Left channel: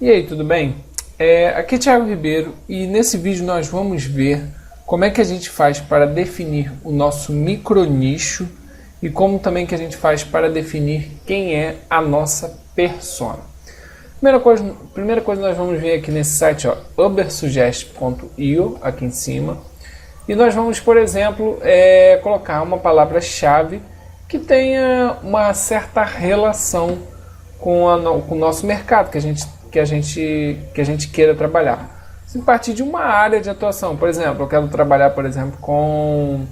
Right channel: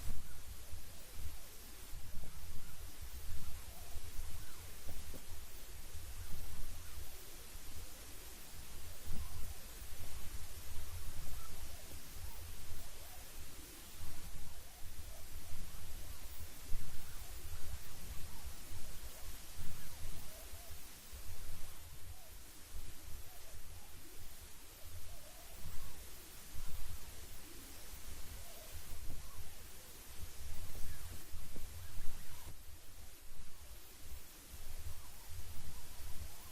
E aí, tudo bem? Aqui é Thiago Ribeiro e nesse vídeo nós vamos ver como é que a gente faz para definir o nosso micronicho e como também que a gente faz para definir quem é a nossa persona. Primeira coisa nós vamos ver aqui nesse site, ó, ubersuggest.io, aqui em cima, e nós vamos, por exemplo, colocar uma palavra-chave que tenha uma certa relação com o nosso mercado que a gente queira trabalhar. Se partir de uma área de atuação, por exemplo, eu quero trabalhar, por exemplo, com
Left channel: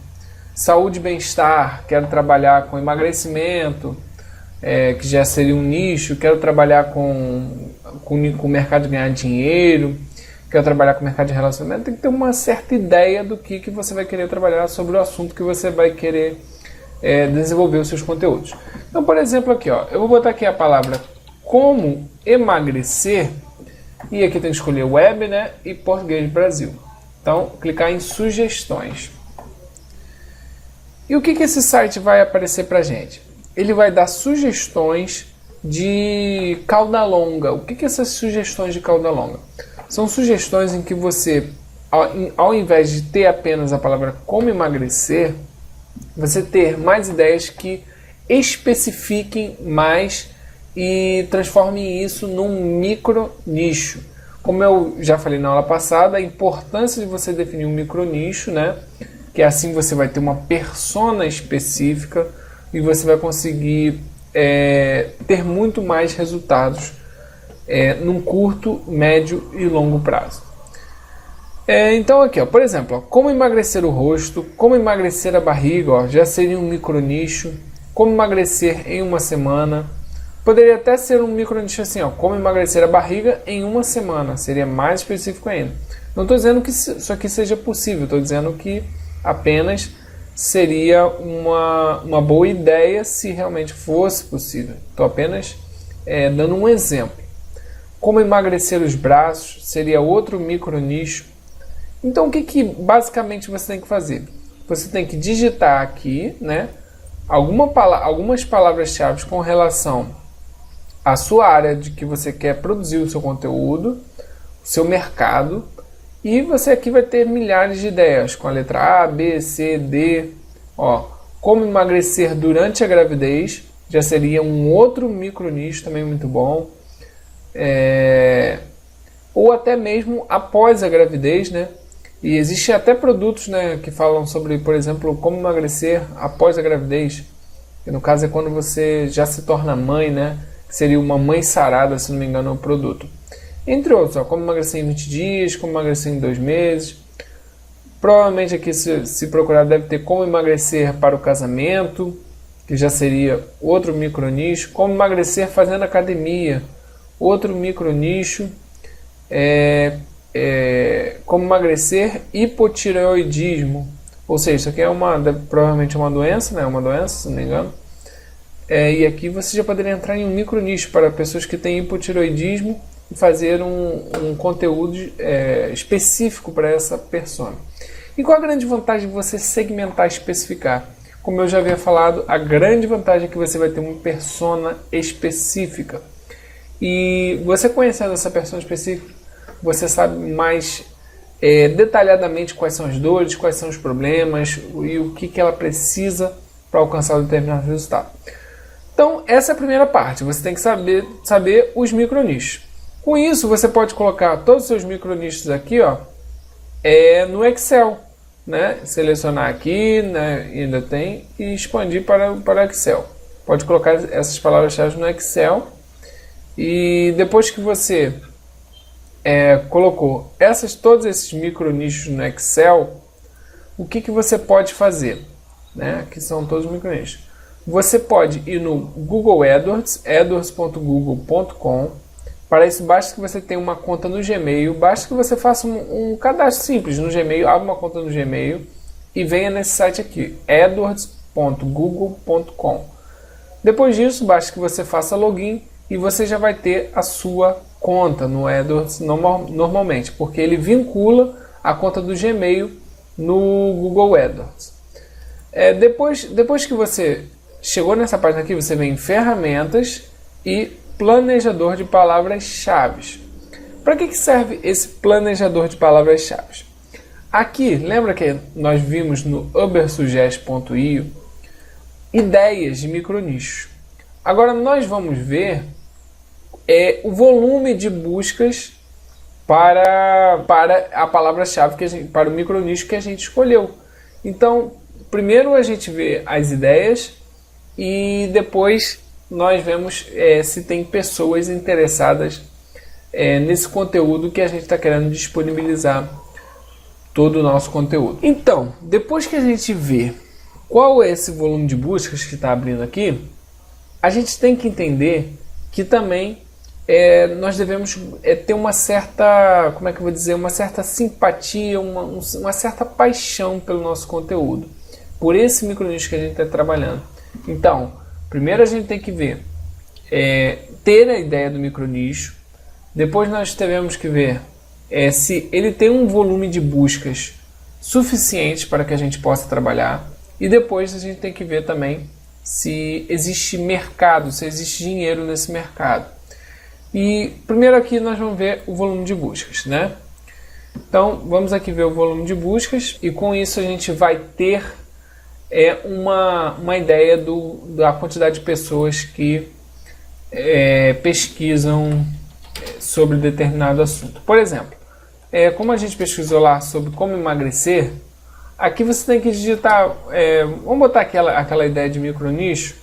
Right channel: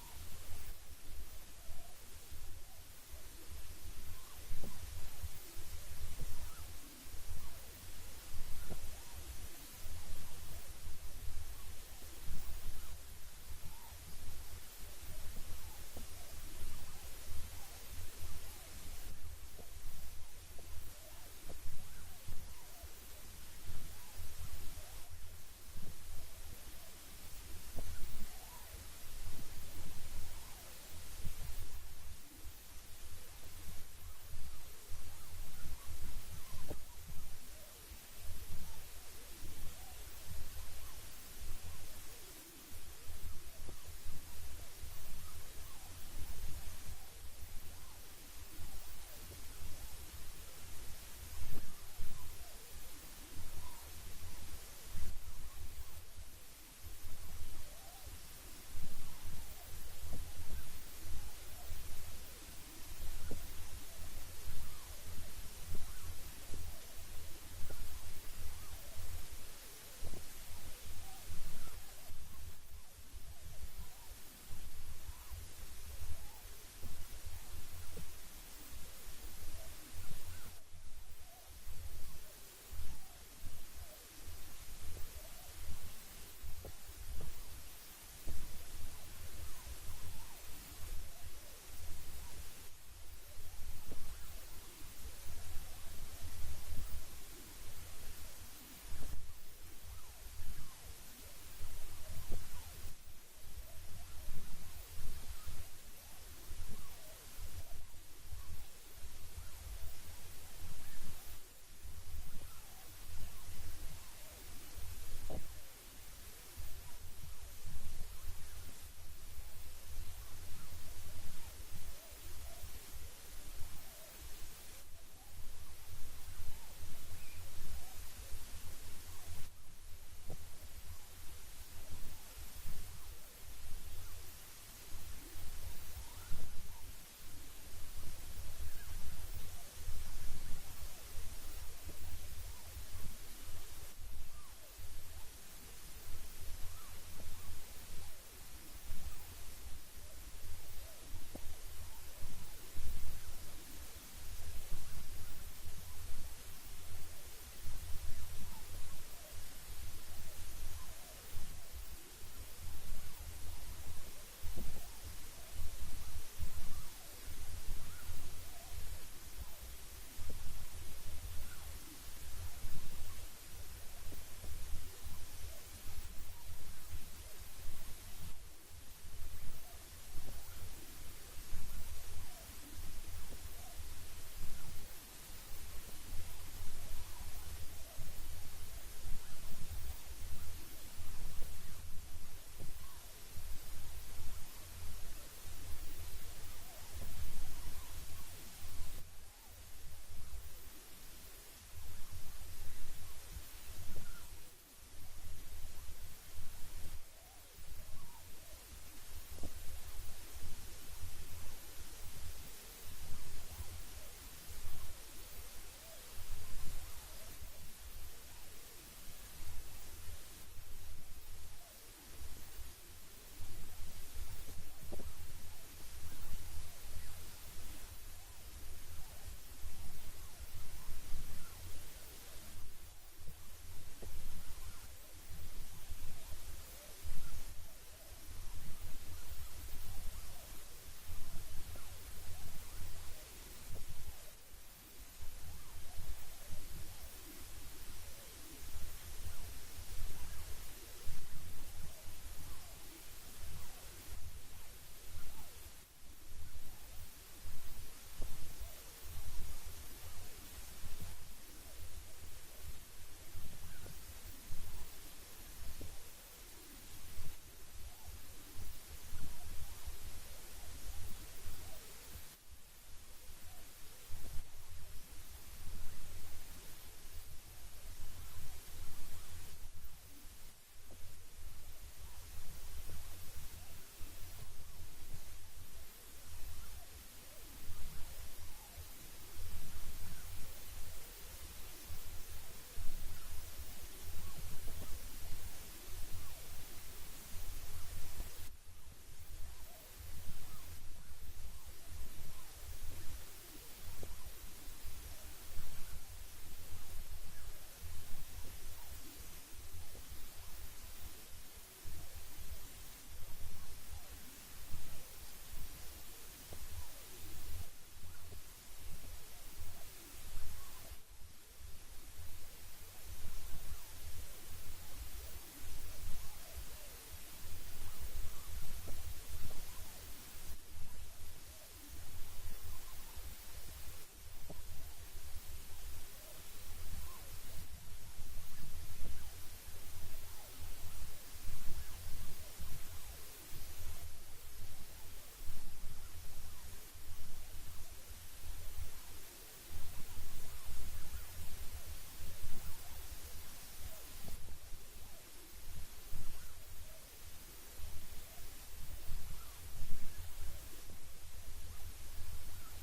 saúde e bem-estar, quero trabalhar com emagrecimento, que já seria um nicho, quero trabalhar com o mercado de ganhar dinheiro, quero trabalhar com o mercado de relacionamento, tem que ter uma certa ideia do que você vai querer trabalhar sobre o assunto que você vai querer desenvolver os seus conteúdos. Então, por exemplo, aqui, ó, eu vou botar aqui a palavra como emagrecer, e aqui tem que escolher web, né, e português Brasil. Então, clicar em sugestões. E o que esse site vai aparecer para gente? Ele vai dar sugestões de cauda longa. O que essas sugestões de cauda longa? São sugestões em que você, ao invés de ter apenas a palavra como emagrecer, você ter mais ideias que especifiquem mais e transformem isso num micro nicho. Como eu já falei na aula passada, a importância de você definir um micro nicho, né? Que assim você vai ter uma persona específica e você vai conseguir ter muito mais resultados num curto, médio e longo prazo. Então aqui, ó, por exemplo, ó, como emagrecer o rosto, como emagrecer a barriga, ó, já seria um micro nicho. Como emagrecer em uma semana. Poderia até ser um micro nicho assim, ó, como emagrecer a barriga em uma semana, seria mais específico ainda. Não estou dizendo que isso aqui seja possível, estou dizendo que apenas seria uma boa ideia se realmente fosse possível. Estou apenas dando um exemplo. Como emagrecer os braços seria outro micro nicho. Então o que basicamente você tem que fazer? Você tem que digitar aqui, né, algumas palavras-chave com relação à sua área de que você quer produzir o seu conteúdo, o seu mercado, e você aqui vai ter milhares de ideias com a letra A, B, C, D. Ó, como emagrecer durante a gravidez já seria um outro micro nicho também muito bom. Ou até mesmo após a gravidez, né? E existem até produtos, né, que falam sobre, por exemplo, como emagrecer após a gravidez. Que no caso é quando você já se torna mãe, né? Que seria uma mãe sarada, se não me engano, é o produto. Entre outros, ó, como emagrecer em 20 dias, como emagrecer em 2 meses. Provavelmente aqui, se procurar, deve ter como emagrecer para o casamento, que já seria outro micro nicho. Como emagrecer fazendo academia, outro micro nicho. Como emagrecer hipotireoidismo, ou seja, isso aqui provavelmente é uma doença, né? Uma doença, se não me engano. E aqui você já poderia entrar em um micro nicho para pessoas que têm hipotireoidismo e fazer um conteúdo específico para essa persona. E qual a grande vantagem de você segmentar e especificar? Como eu já havia falado, a grande vantagem é que você vai ter uma persona específica. E você conhecendo essa persona específica, você sabe mais detalhadamente quais são as dores, quais são os problemas e o que ela precisa para alcançar um determinado resultado. Então, essa é a primeira parte. Você tem que saber os micronichos. Com isso, você pode colocar todos os seus micronichos aqui, ó, no Excel. Né? Selecionar aqui, né, ainda tem, e expandir para o Excel. Pode colocar essas palavras-chave no Excel. E depois que você colocou todos esses micronichos no Excel, o que você pode fazer? Né? Que são todos os micronichos. Você pode ir no Google AdWords, adwords.google.com. Para isso, basta que você tenha uma conta no Gmail, basta que você faça um cadastro simples no Gmail, abra uma conta no Gmail e venha nesse site aqui, adwords.google.com. Depois disso, basta que você faça login e você já vai ter a sua conta no AdWords normalmente, porque ele vincula a conta do Gmail no Google AdWords. Depois que você chegou nessa página aqui, você vem em ferramentas e planejador de palavras-chave. Para que serve esse planejador de palavras-chave? Aqui, lembra que nós vimos no ubersuggest.io ideias de micronichos. Agora nós vamos ver o volume de buscas para a palavra-chave, para o micronicho que a gente escolheu. Então, primeiro a gente vê as ideias e depois nós vemos se tem pessoas interessadas nesse conteúdo que a gente está querendo disponibilizar todo o nosso conteúdo. Então, depois que a gente vê qual é esse volume de buscas que está abrindo aqui, a gente tem que entender que também nós devemos ter uma certa, como é que eu vou dizer, uma certa simpatia, uma certa paixão pelo nosso conteúdo, por esse micronicho que a gente está trabalhando. Então, primeiro a gente tem que ver, ter a ideia do micronicho, depois nós teremos que ver se ele tem um volume de buscas suficiente para que a gente possa trabalhar, e depois a gente tem que ver também se existe mercado, se existe dinheiro nesse mercado. E primeiro aqui nós vamos ver o volume de buscas, né? Então vamos aqui ver o volume de buscas e com isso a gente vai ter uma ideia da quantidade de pessoas que pesquisam sobre determinado assunto. Por exemplo, como a gente pesquisou lá sobre como emagrecer, aqui você tem que digitar, vamos botar aquela ideia de micronicho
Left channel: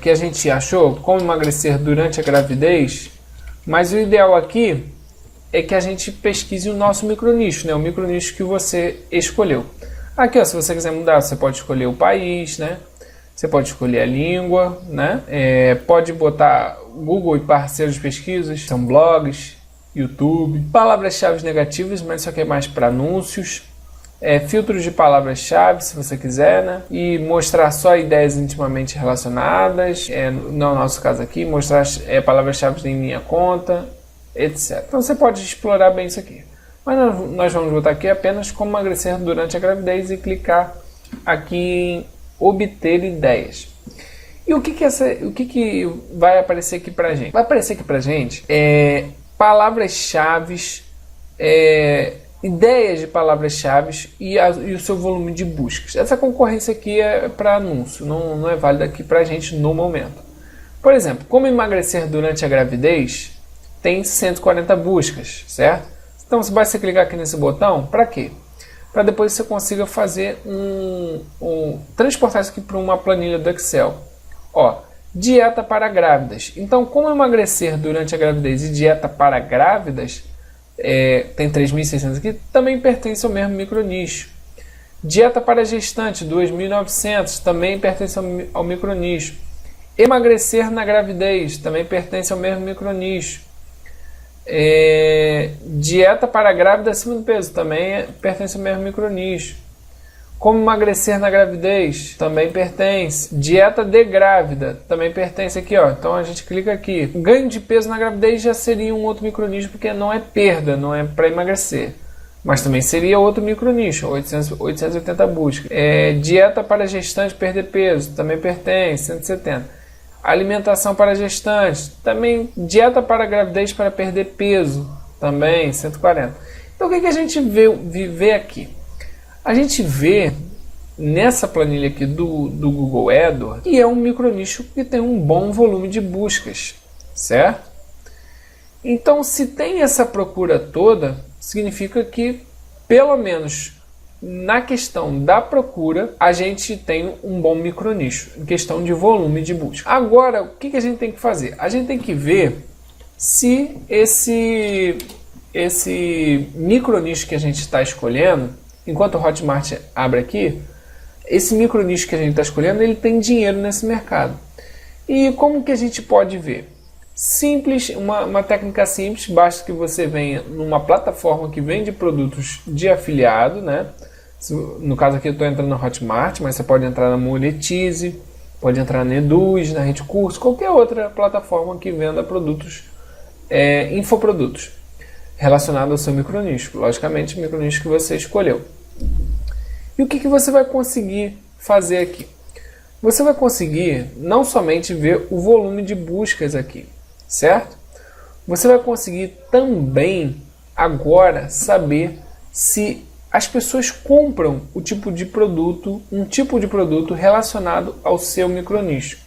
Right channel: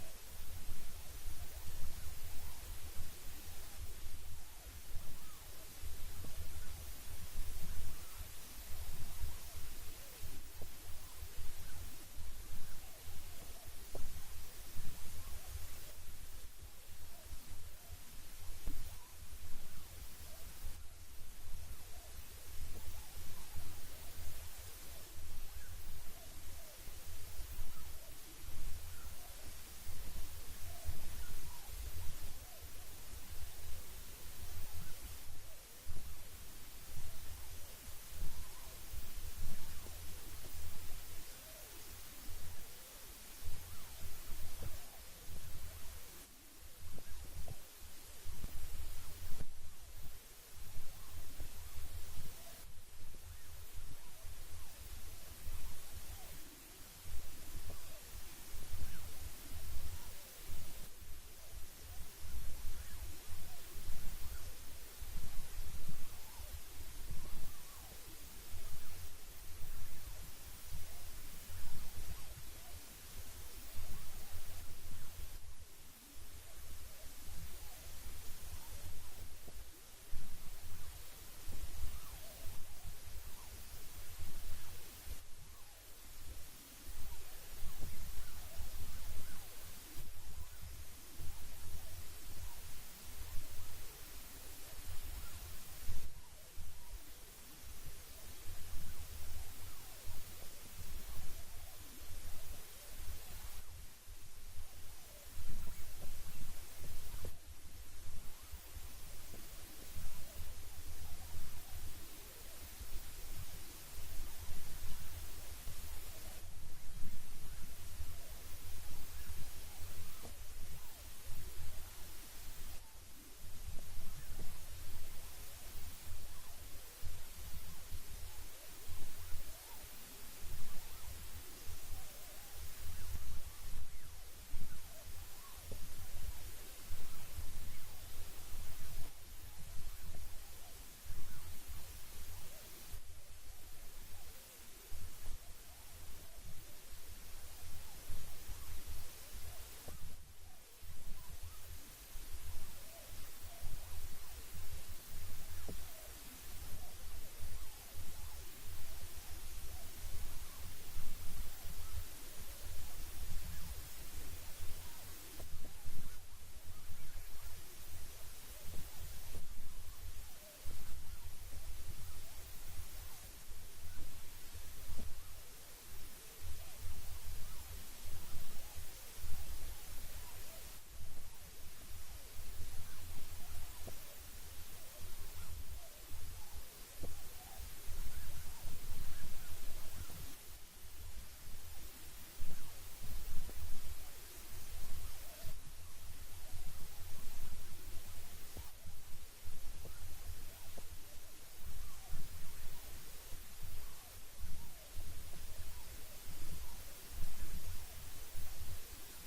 que a gente achou, como emagrecer durante a gravidez, mas o ideal aqui é que a gente pesquise o nosso micronicho, né? O micronicho que você escolheu. Aqui, ó, se você quiser mudar, você pode escolher o país, né? Você pode escolher a língua, né? Pode botar Google e parceiros de pesquisas, são blogs, YouTube, palavras-chave negativas, mas isso aqui é mais para anúncios. Filtros de palavras-chave, se você quiser, né? E mostrar só ideias intimamente relacionadas, no nosso caso aqui, mostrar palavras-chave em minha conta, etc. Então você pode explorar bem isso aqui. Mas nós vamos botar aqui apenas como emagrecer durante a gravidez e clicar aqui em obter ideias. E o que vai aparecer aqui pra gente? Vai aparecer aqui pra gente palavras-chave, ideias de palavras-chave e o seu volume de buscas. Essa concorrência aqui é para anúncio, não é válida aqui para a gente no momento. Por exemplo, como emagrecer durante a gravidez tem 140 buscas, certo? Então você basta clicar aqui nesse botão, para quê? Para depois você consiga fazer transportar isso aqui para uma planilha do Excel. Ó, dieta para grávidas. Então, como emagrecer durante a gravidez e dieta para grávidas, tem 3.600 aqui, também pertence ao mesmo micronicho. Dieta para gestante, 2.900, também pertence ao micronicho. Emagrecer na gravidez, também pertence ao mesmo micronicho. Dieta para grávida acima do peso, também pertence ao mesmo micronicho. Como emagrecer na gravidez, também pertence. Dieta de grávida, também pertence aqui, ó. Então a gente clica aqui. Ganho de peso na gravidez já seria um outro micronicho, porque não é perda, não é para emagrecer. Mas também seria outro micronicho, 880 buscas. Dieta para gestante perder peso, também pertence, 170. Alimentação para gestantes, também. Dieta para gravidez para perder peso, também, 140. Então o que a gente vê aqui? A gente vê nessa planilha aqui do Google AdWords que é um micronicho que tem um bom volume de buscas, certo? Então, se tem essa procura toda, significa que, pelo menos na questão da procura, a gente tem um bom micronicho, em questão de volume de busca. Agora, o que a gente tem que fazer? A gente tem que ver se esse micronicho que a gente está escolhendo, enquanto o Hotmart abre aqui, esse micronicho que a gente está escolhendo, ele tem dinheiro nesse mercado. E como que a gente pode ver? Simples, uma técnica simples, basta que você venha numa plataforma que vende produtos de afiliado, né? No caso aqui eu estou entrando na Hotmart, mas você pode entrar na Monetize, pode entrar na Eduz, na Rede Curso, qualquer outra plataforma que venda produtos, infoprodutos, relacionado ao seu micronicho, logicamente o micronicho que você escolheu. E o que você vai conseguir fazer aqui? Você vai conseguir não somente ver o volume de buscas aqui, certo? você vai conseguir também agora saber se as pessoas compram um tipo de produto relacionado ao seu micronicho.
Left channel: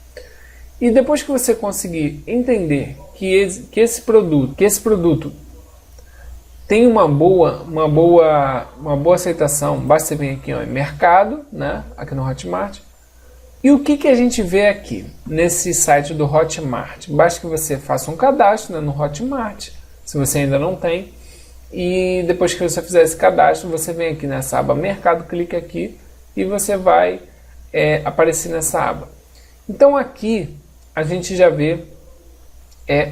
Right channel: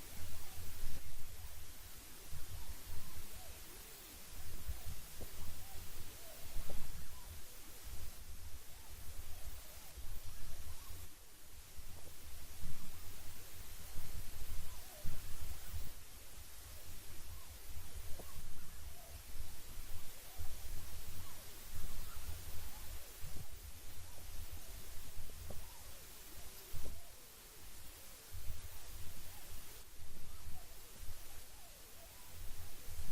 E depois que você conseguir entender que esse produto tem uma boa aceitação, basta você vir aqui em mercado, né, aqui no Hotmart. E o que a gente vê aqui nesse site do Hotmart? Basta que você faça um cadastro, né, no Hotmart, se você ainda não tem. E depois que você fizer esse cadastro, você vem aqui nessa aba Mercado, clica aqui e você vai aparecer nessa aba. Então aqui a gente já vê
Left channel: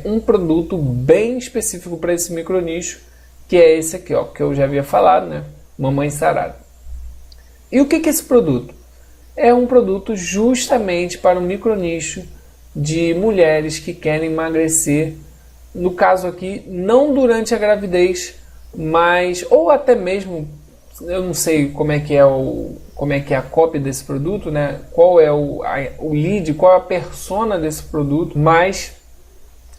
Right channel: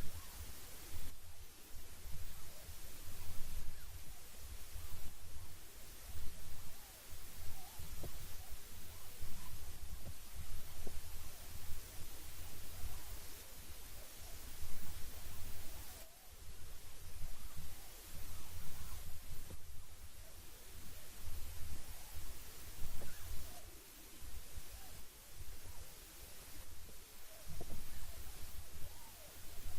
um produto bem específico para esse micronicho, que é esse aqui, ó, que eu já havia falado, né? Mamãe Sarada. E o que é esse produto? É um produto justamente para o micronicho de mulheres que querem emagrecer, no caso aqui, não durante a gravidez, mas, ou até mesmo, eu não sei como é que é a cópia desse produto, né? Qual é o lead, qual é a persona desse produto, mas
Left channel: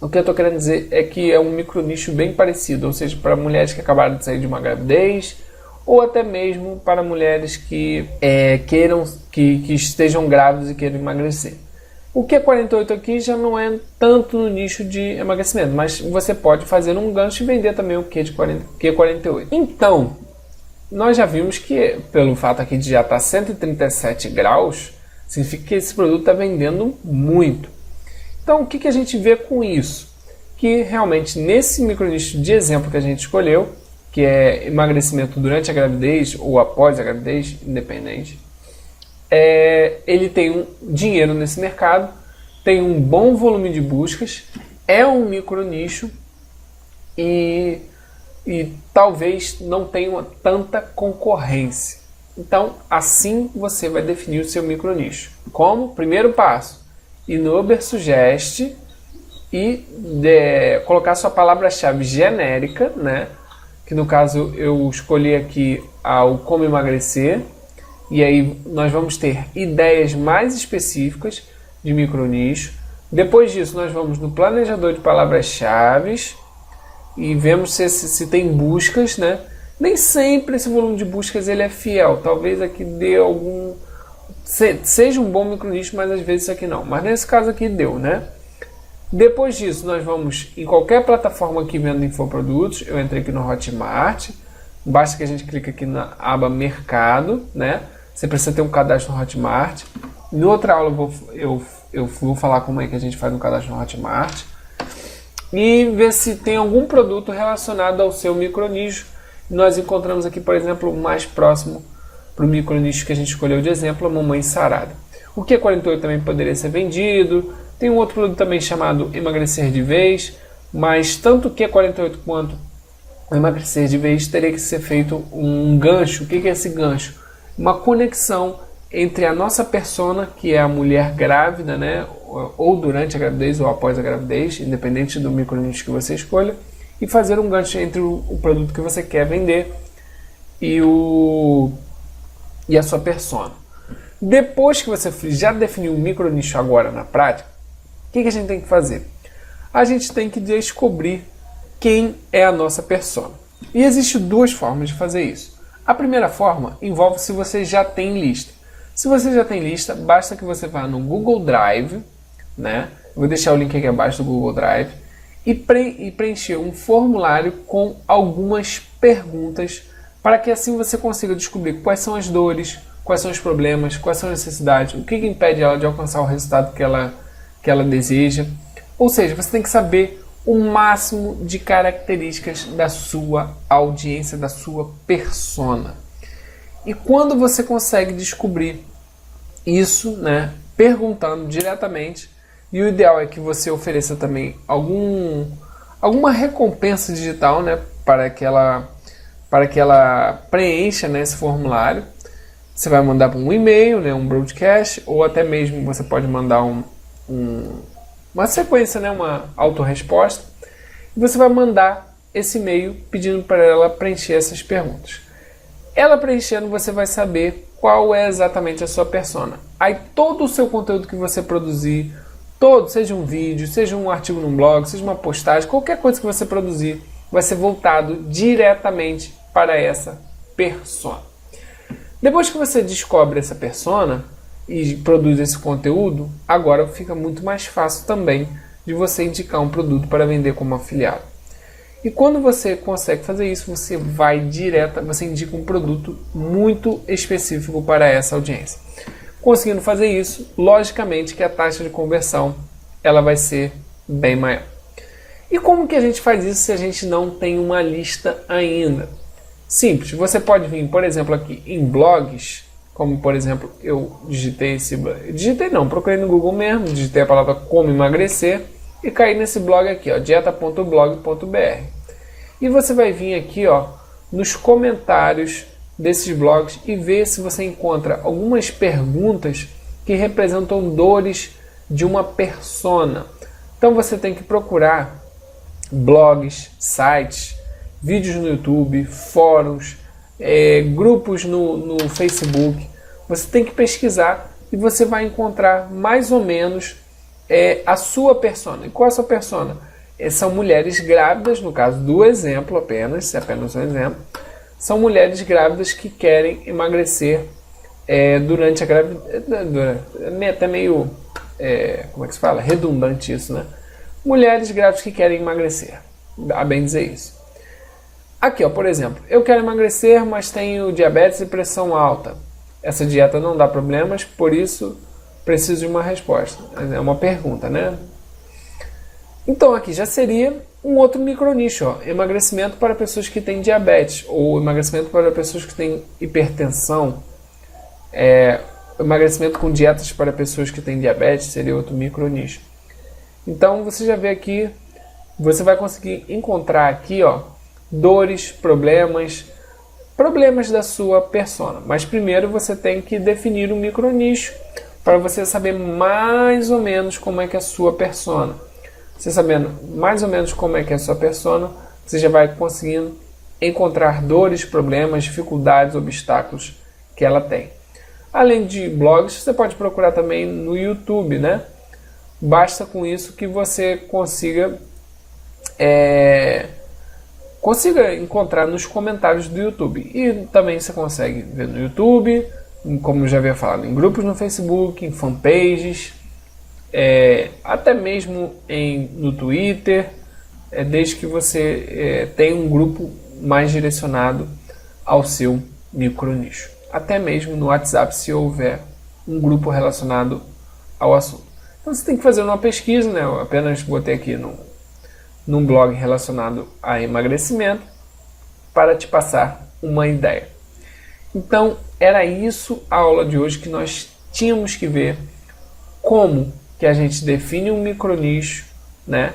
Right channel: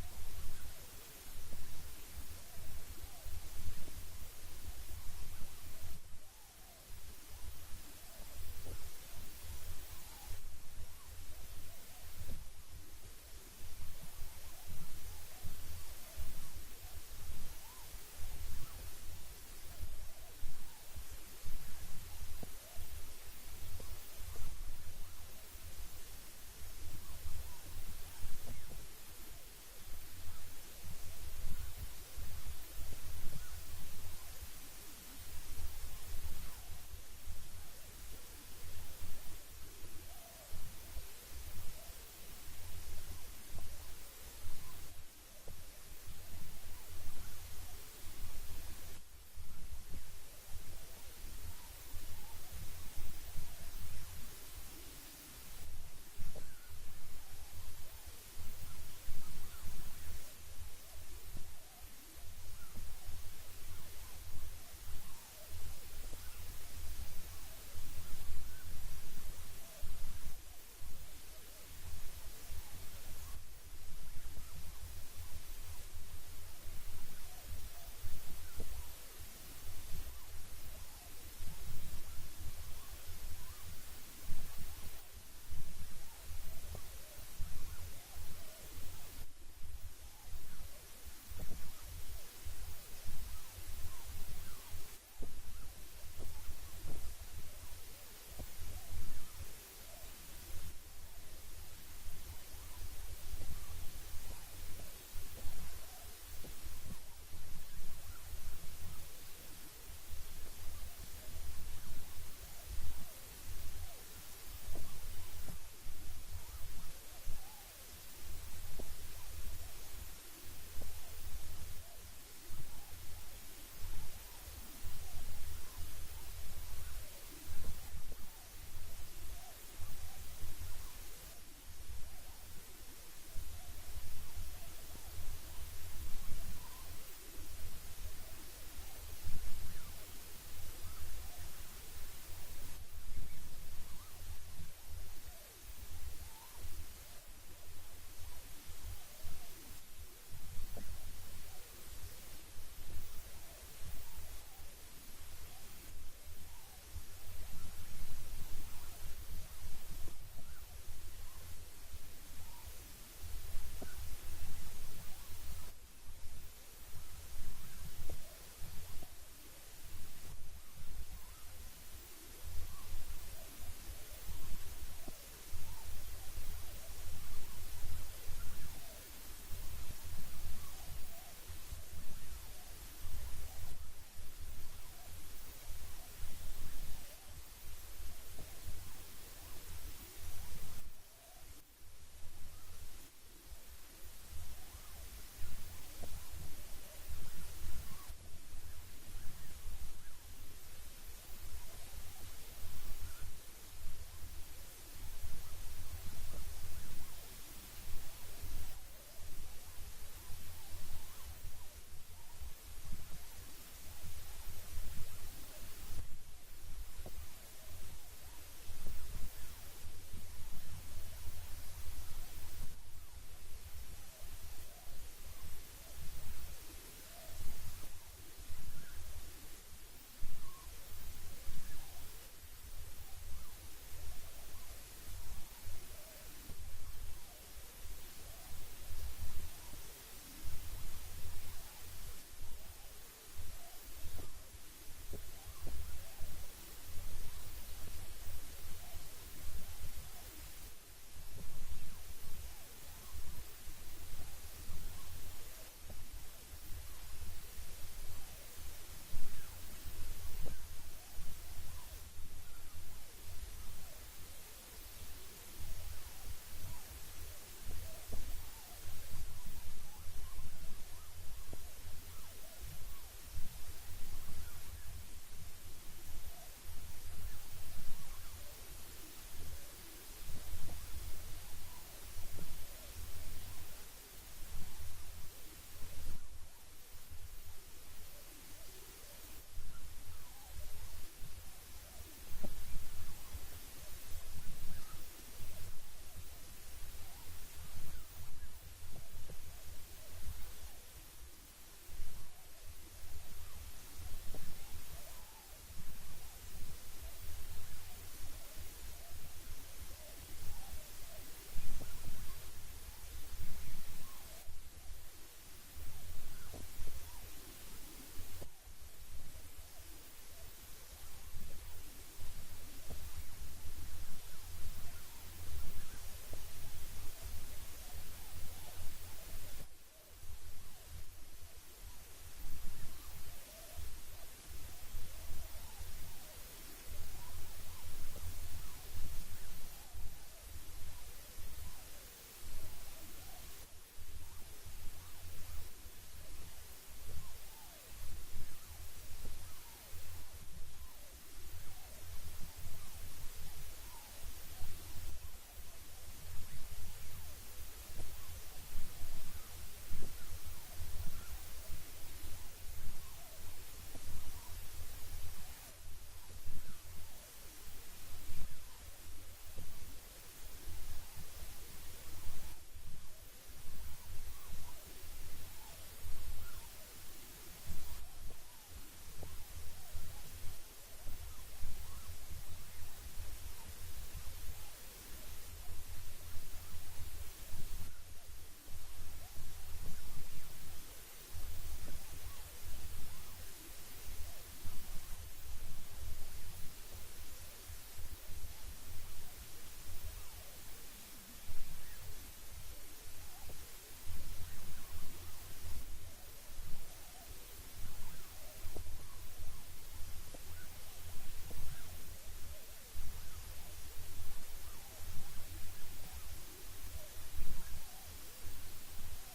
o que eu estou querendo dizer é que é um micronicho bem parecido, ou seja, para mulheres que acabaram de sair de uma gravidez, ou até mesmo para mulheres que que estejam grávidas e queiram emagrecer. O Q48 aqui já não é tanto no nicho de emagrecimento, mas você pode fazer um gancho e vender também o Q48. Então, nós já vimos que, pelo fato aqui de já estar 137 graus, significa que esse produto está vendendo muito. Então, o que a gente vê com isso? Que realmente nesse micronicho de exemplo que a gente escolheu, que é emagrecimento durante a gravidez ou após a gravidez, independente, ele tem um dinheiro nesse mercado, tem um bom volume de buscas, é um micronicho e talvez não tenha tanta concorrência. Então, assim você vai definir o seu micronicho. Como? Primeiro passo, ir no Ubersuggest e colocar sua palavra-chave genérica, né? Que no caso eu escolhi aqui o como emagrecer, e aí nós vamos ter ideias mais específicas de micronicho. Depois disso nós vamos no planejador de palavras-chave e vemos se tem buscas, né? Nem sempre esse volume de buscas ele é fiel, talvez aqui dê algum... seja um bom micronicho, mas às vezes isso aqui não. Mas nesse caso aqui deu, né? Depois disso, nós vamos em qualquer plataforma que venda infoprodutos. Eu entrei aqui no Hotmart. Basta que a gente clique aqui na aba Mercado, né? Você precisa ter um cadastro no Hotmart. Em outra aula eu vou falar como é que a gente faz um cadastro no Hotmart. E ver se tem algum produto relacionado ao seu micronicho. Nós encontramos aqui, por exemplo, o mais próximo para o micronicho que a gente escolheu de exemplo, a Mamãe Sarada. O Q48 também poderia ser vendido. Tem um outro produto também chamado Emagrecer de Vez, mas tanto o Q48 quanto o Emagrecer de Vez teria que ser feito um gancho. O que é esse gancho? Uma conexão entre a nossa persona, que é a mulher grávida, né? Ou durante a gravidez ou após a gravidez, independente do micronicho que você escolha, e fazer um gancho entre o produto que você quer vender e a sua persona. Depois que você já definiu o micronicho agora na prática, o que a gente tem que fazer? A gente tem que descobrir quem é a nossa persona. E existem duas formas de fazer isso. A primeira forma envolve se você já tem lista. Se você já tem lista, basta que você vá no Google Drive, né? Eu vou deixar o link aqui abaixo do Google Drive, e preencher um formulário com algumas perguntas para que assim você consiga descobrir quais são as dores, quais são os problemas, quais são as necessidades, o que impede ela de alcançar o resultado que ela deseja. Ou seja, você tem que saber o máximo de características da sua audiência, da sua persona. E quando você consegue descobrir isso, né, perguntando diretamente, e o ideal é que você ofereça também alguma recompensa digital, né, para que ela preencha, né, esse formulário. Você vai mandar um e-mail, né, um broadcast, ou até mesmo você pode mandar uma sequência, né, uma autorresposta, e você vai mandar esse e-mail pedindo para ela preencher essas perguntas. Ela preenchendo, você vai saber qual é exatamente a sua persona. Aí todo o seu conteúdo que você produzir, todo, seja um vídeo, seja um artigo num blog, seja uma postagem, qualquer coisa que você produzir vai ser voltado diretamente para essa persona. Depois que você descobre essa persona e produz esse conteúdo, agora fica muito mais fácil também de você indicar um produto para vender como afiliado. E quando você consegue fazer isso, você você indica um produto muito específico para essa audiência. Conseguindo fazer isso, logicamente que a taxa de conversão ela vai ser bem maior. E como que a gente faz isso se a gente não tem uma lista ainda? Simples, você pode vir, por exemplo, aqui em blogs, como por exemplo, eu procurei no Google mesmo, digitei a palavra como emagrecer e caí nesse blog aqui, ó, dieta.blog.br. E você vai vir aqui, ó, nos comentários desses blogs e ver se você encontra algumas perguntas que representam dores de uma persona. Então você tem que procurar blogs, sites, vídeos no YouTube, fóruns, grupos no Facebook. Você tem que pesquisar e você vai encontrar mais ou menos a sua persona. E qual é a sua persona? São mulheres grávidas, no caso do exemplo apenas um exemplo, são mulheres grávidas que querem emagrecer durante a gravidez. É até meio, como é que se fala? Redundante isso, né? Mulheres grávidas que querem emagrecer, a bem dizer isso. Aqui, ó, por exemplo, eu quero emagrecer, mas tenho diabetes e pressão alta. Essa dieta não dá problemas, por isso preciso de uma resposta. É uma pergunta, né? Então aqui já seria um outro micronicho, ó, emagrecimento para pessoas que têm diabetes, ou emagrecimento para pessoas que têm hipertensão, emagrecimento com dietas para pessoas que têm diabetes seria outro micronicho. Então você já vê aqui, você vai conseguir encontrar aqui, ó, dores, problemas da sua persona. Mas primeiro você tem que definir um micronicho para você saber mais ou menos como é que é a sua persona. Você sabendo mais ou menos como é que é a sua persona, você já vai conseguindo encontrar dores, problemas, dificuldades, obstáculos que ela tem. Além de blogs, você pode procurar também no YouTube, né? Basta com isso que você consiga encontrar nos comentários do YouTube. E também você consegue ver no YouTube, como eu já havia falado, em grupos no Facebook, em fanpages, até mesmo no Twitter, desde que você tenha um grupo mais direcionado ao seu micronicho. Até mesmo no WhatsApp, se houver um grupo relacionado ao assunto. Então você tem que fazer uma pesquisa, né? Eu apenas botei aqui num blog relacionado a emagrecimento para te passar uma ideia. Então era isso a aula de hoje, que nós tínhamos que ver como que a gente define um micronicho, né?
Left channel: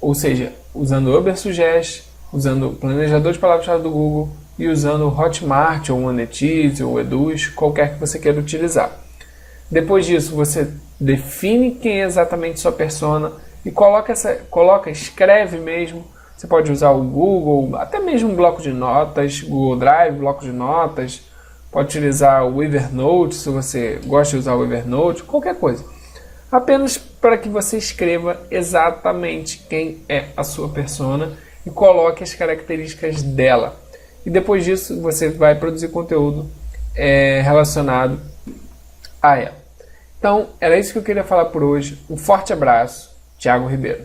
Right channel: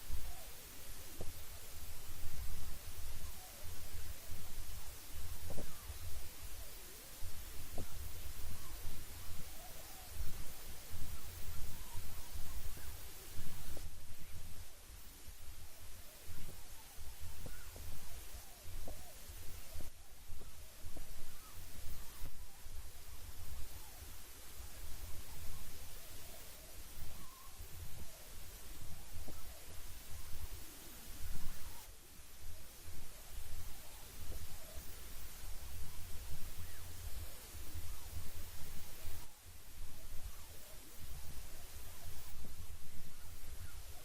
Ou seja, usando o Ubersuggest, usando o planejador de palavras-chave do Google e usando o Hotmart ou o Monetize ou o Eduz, qualquer que você queira utilizar. Depois disso, você define quem é exatamente sua persona e escreve mesmo. Você pode usar o Google, até mesmo um bloco de notas, Google Drive, bloco de notas. Pode utilizar o Evernote, se você gosta de usar o Evernote, qualquer coisa. Apenas para que você escreva exatamente quem é a sua persona e coloque as características dela. E depois disso, você vai produzir conteúdo relacionado a ela. Então, era isso que eu queria falar por hoje. Um forte abraço, Thiago Ribeiro.